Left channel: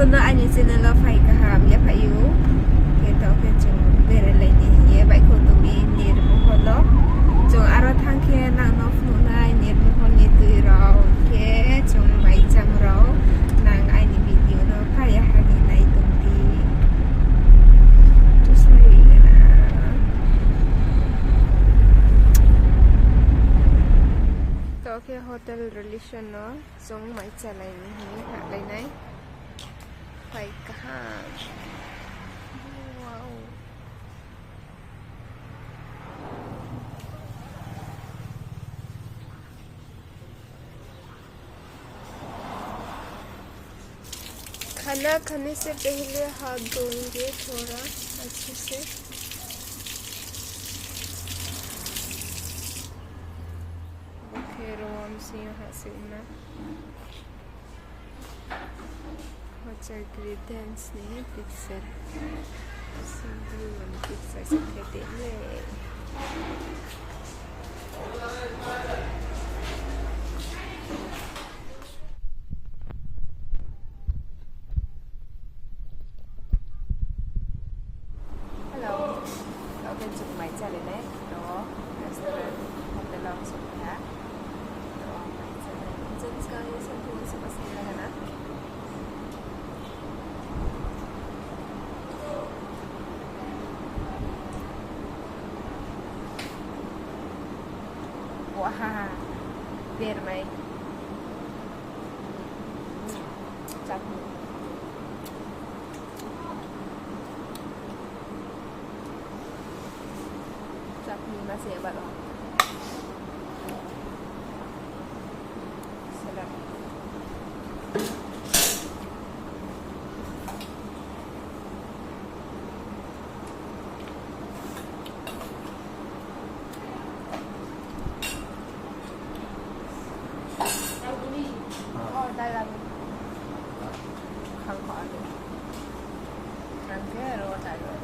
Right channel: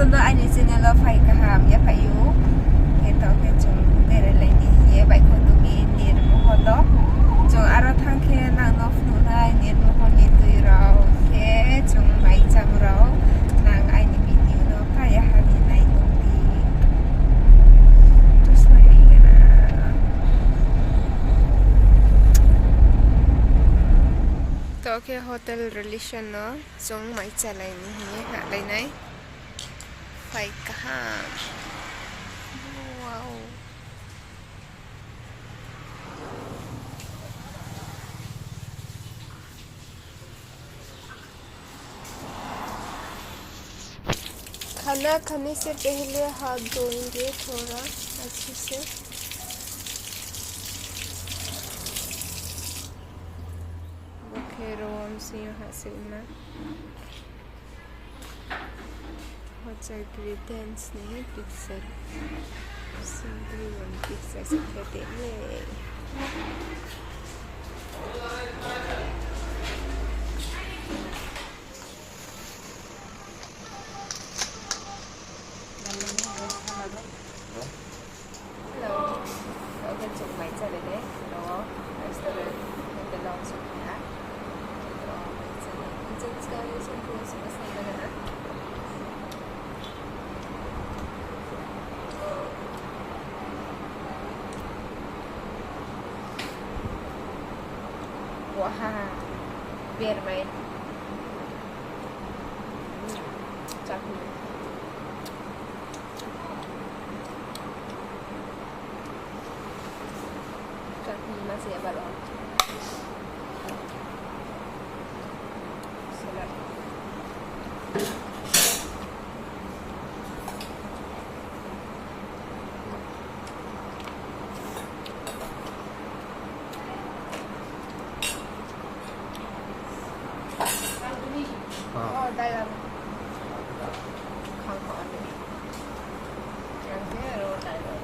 Tunda ani channel phai kaham ya phayu keto ke chung bere laini ye bai ko to bi nir mohodo chung aro thangke nang no phnu nai nir mohon ni tui rao ke chung bai cham rao nang ai ni video no kaya hagi nai tung di terus mai na to ke hotel relation no chung mai chalai ni hi ha lai nai phai kaham wow खाना खाने से पहले हाथ धोएंगे थोड़ा अच्छे से Roam sino hasilna hotel greetings ni picture simple one picture seperti ini hello ở bên trường máy ra đến đấy đó restaurant hotel long sông Hả Jadi sekarang ni sentuh sebesar mana? Wah, biar main. Chutney. Chutney masih apa lagi? Đây là không khỏi được ăn thế rồi tại rồi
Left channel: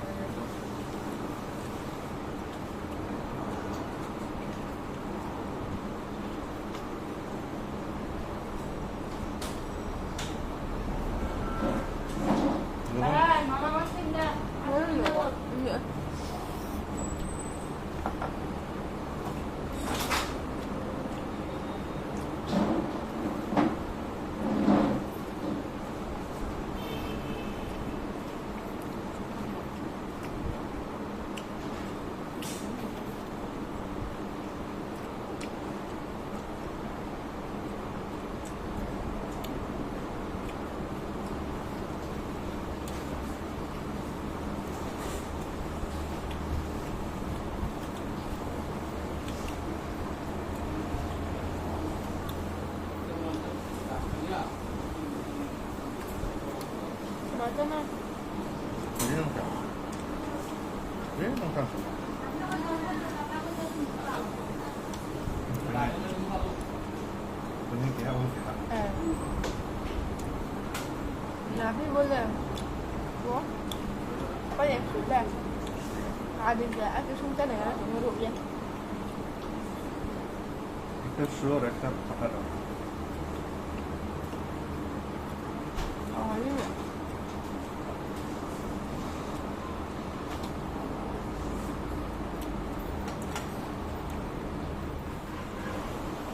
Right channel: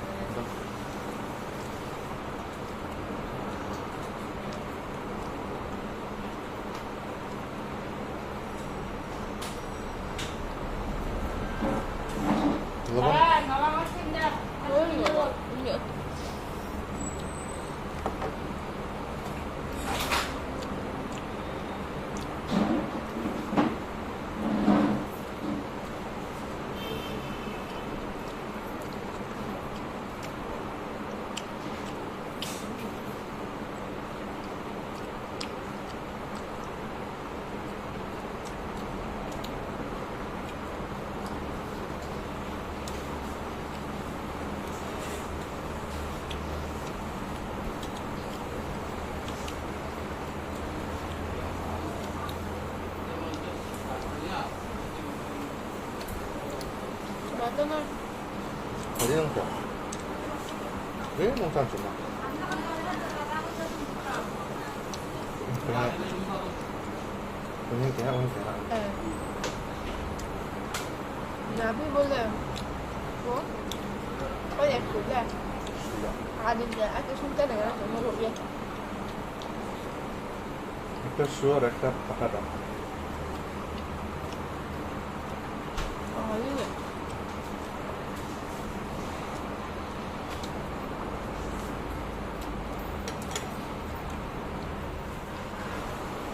맞잖아. 어디 농장? 왜 농장 좀? 오늘 걔야 오늘 걔야. 네. 나비 볼래? 뭐? có đẹp xuống đây đi ra cái xuống cái này nó cũng rụt vậy একটা শুয়ার একটা পাকাটা như vậy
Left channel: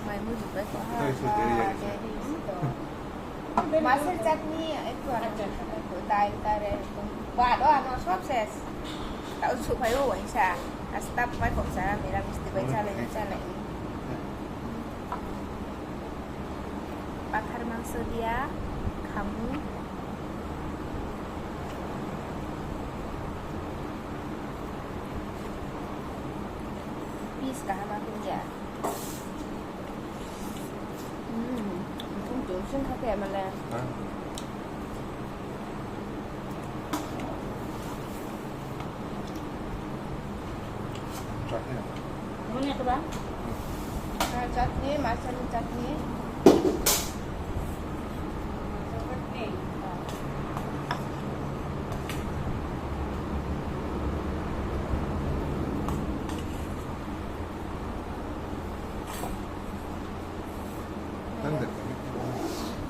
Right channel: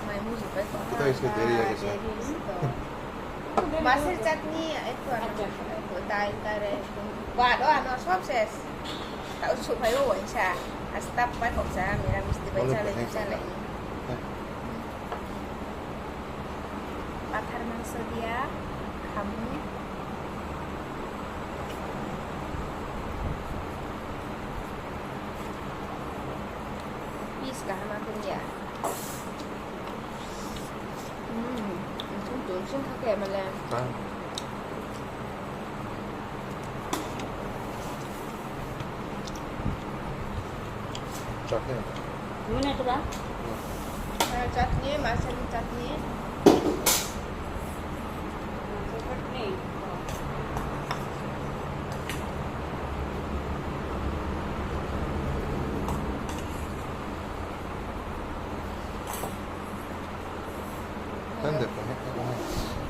mày mua gì vậy có masih chutney itu itu tay và đó nó shop ses tạo sự phải ủi chả stop phải không chả mình làm mesti baca lagi pathar mangso dia kamu peace kah makin ya untung sing kakek malah Gimana itu bang? Chutney, masam chutney. Chutney.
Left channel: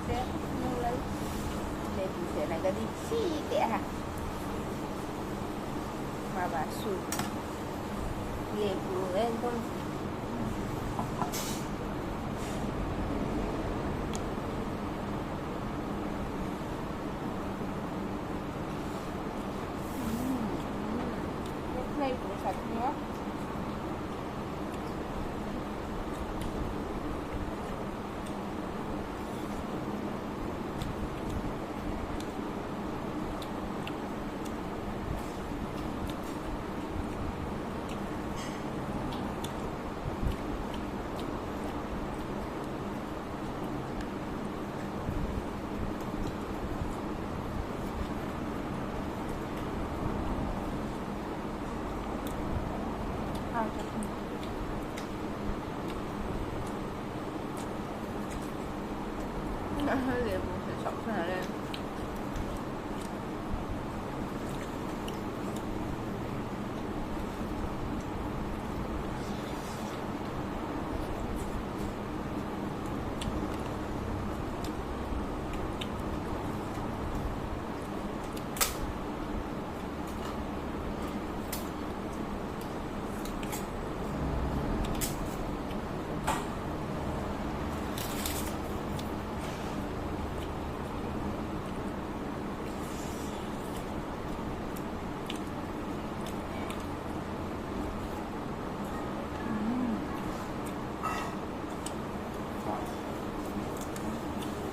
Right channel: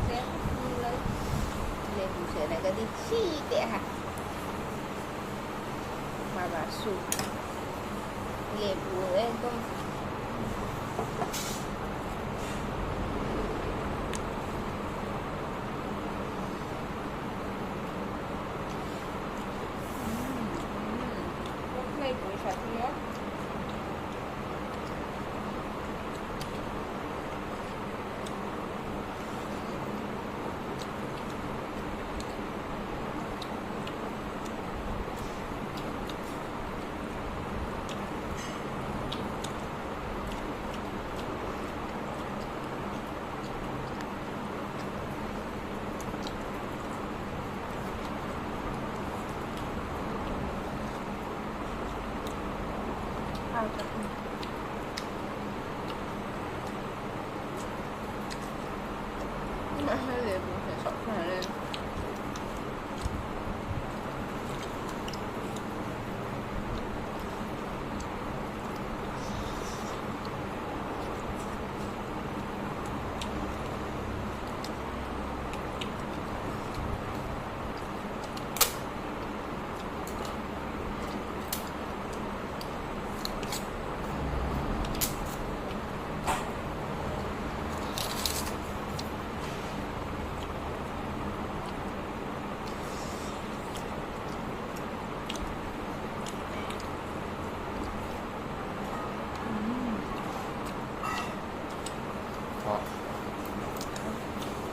Sẽ mulai dari saya ก็ดีขี้เตะค่ะมาบาสูเลบูเอ็นต้มในบริษัทเนี้ยเอาจากมาให้เลบูใส่ช็อกขนาดเลย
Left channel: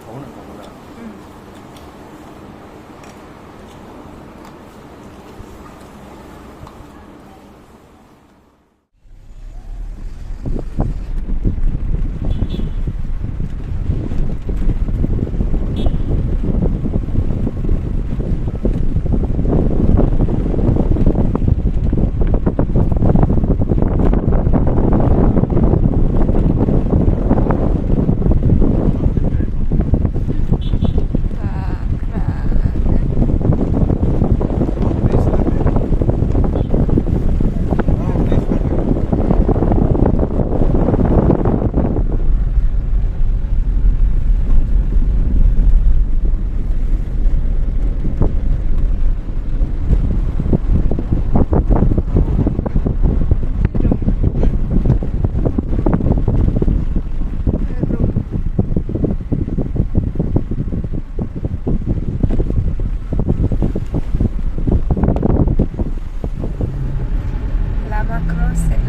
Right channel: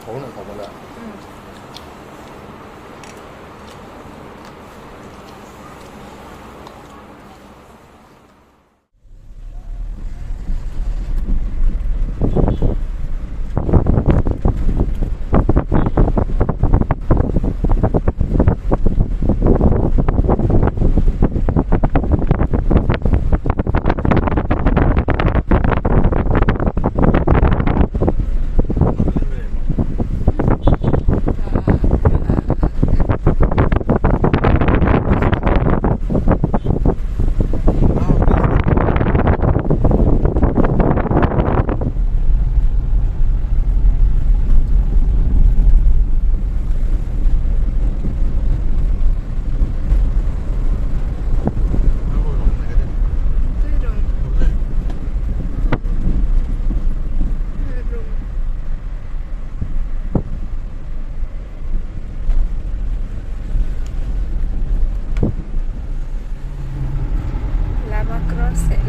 먹는 거 몰라.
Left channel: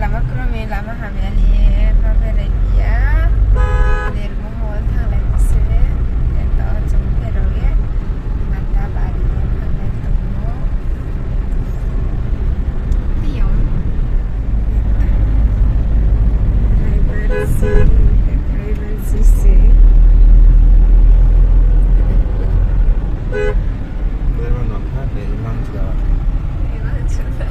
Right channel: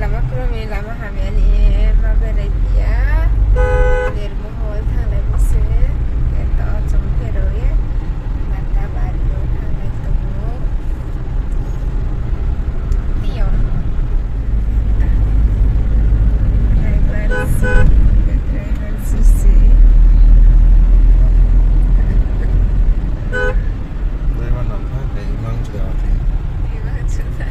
Lama kromi lama hamili ma beregia nirmu hol thang lai buse ento chung peroye mata bario thang lai tomo tiyon rival susi 그러면 한 네, 이만 주다. iman sudah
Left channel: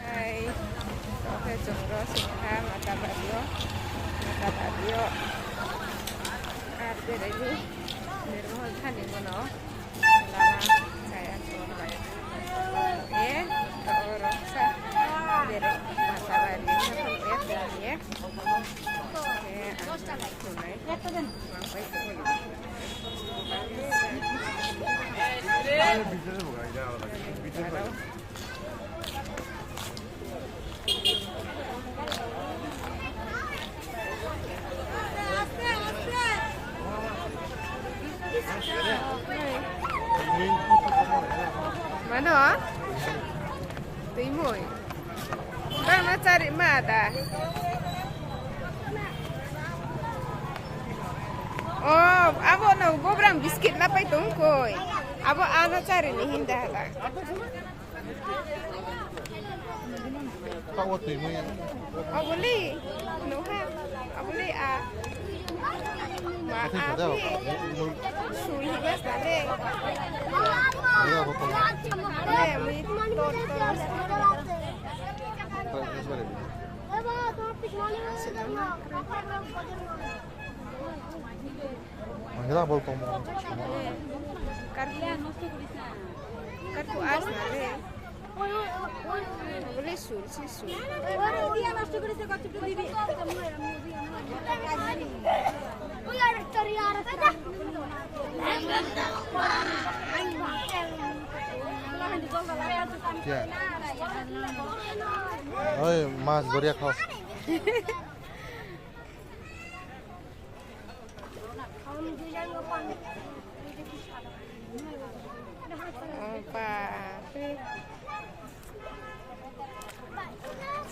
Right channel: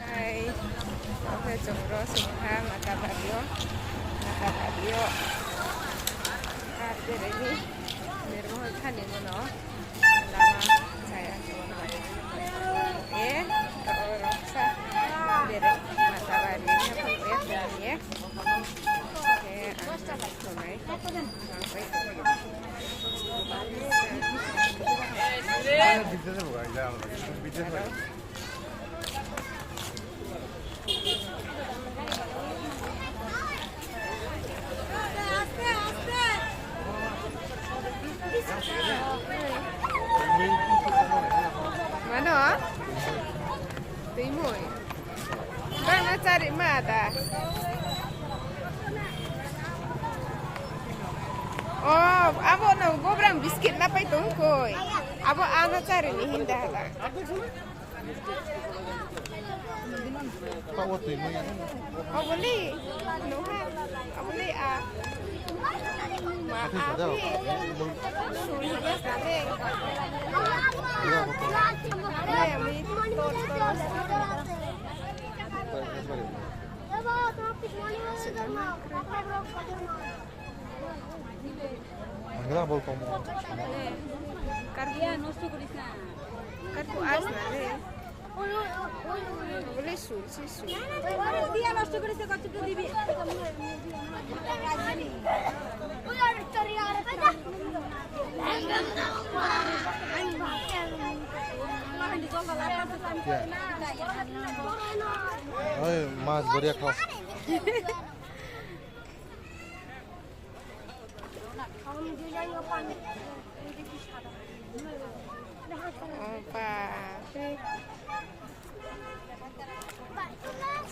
Hai, oke jumroh singha mata barrio arbir ini nirmol thani mono lama saya cuma roksa bere mata barrio pun dan ya oke anak tunai mampai Mana? Timur. Bang nak cari mana? Oh, abang nak bobrang biskit nak pergi tungkoi. Abang anak cari ni hindah lah. 하고 또 이모이. boleh. Nuha. Boleh ah. Maafi. Sulit sekali. 내가 보통 Nih, mi tot terus. 내가 볼 거면 Nih, karya. Kat ku as na le. Boleh sur si sur. ওই মাছ ধরিয়া খাও Oh, papi.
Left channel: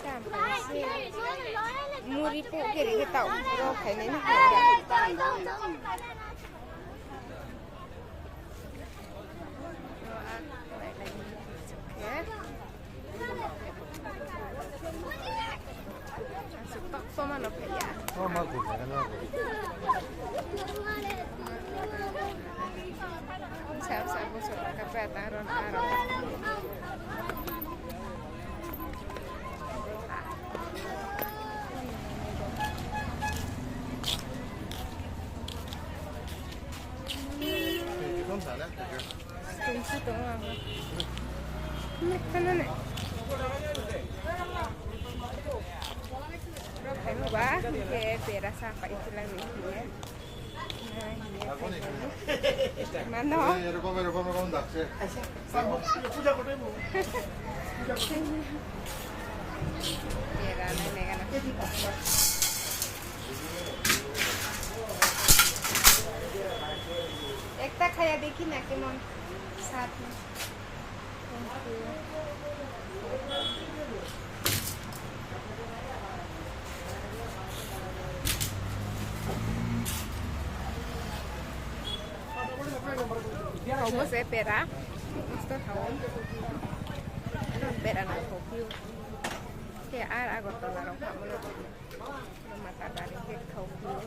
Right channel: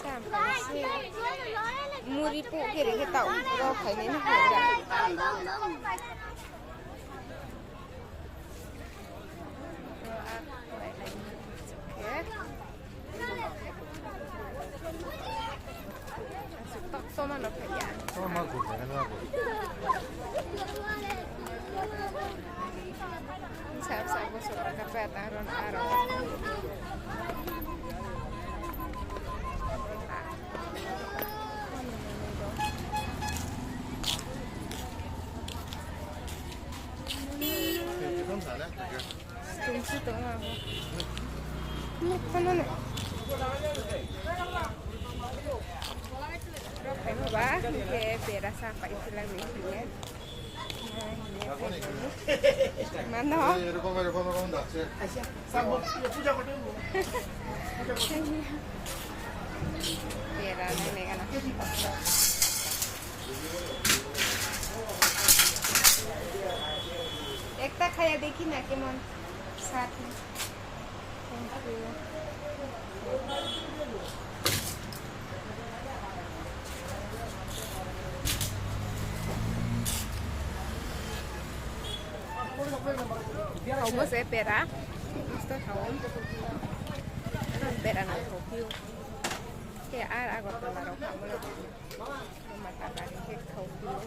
Sampai sih. Muri po kiri kita tahu. Lo kayak ini enggak. Lo aku lagi. Oke. Masuk tok sama lo kayak. মাছ ধরবো Sa busog kapet aron araw. 좀 잘해 Kunci to ako. Sana na. Pero mo ba? Kaya pera sa pa ito lang niya. Mano? এরকম যাচ্ছে Pera na may anak. Ekta khaya dekhi na kemon साथ में. Thank you. Không có sẽ pera, gusto không? Ano pera na thopio. Kaya aragot to laro ka mo lang. No mataba rin kay thopio.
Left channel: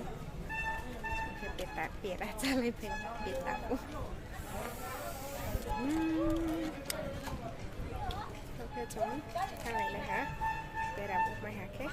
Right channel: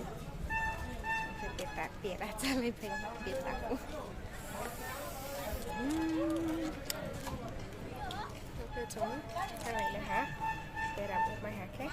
Kasi pera chalay pa yung pita ko. Okay, chồng. Thang này nè hả? Pera bút mai hả ke?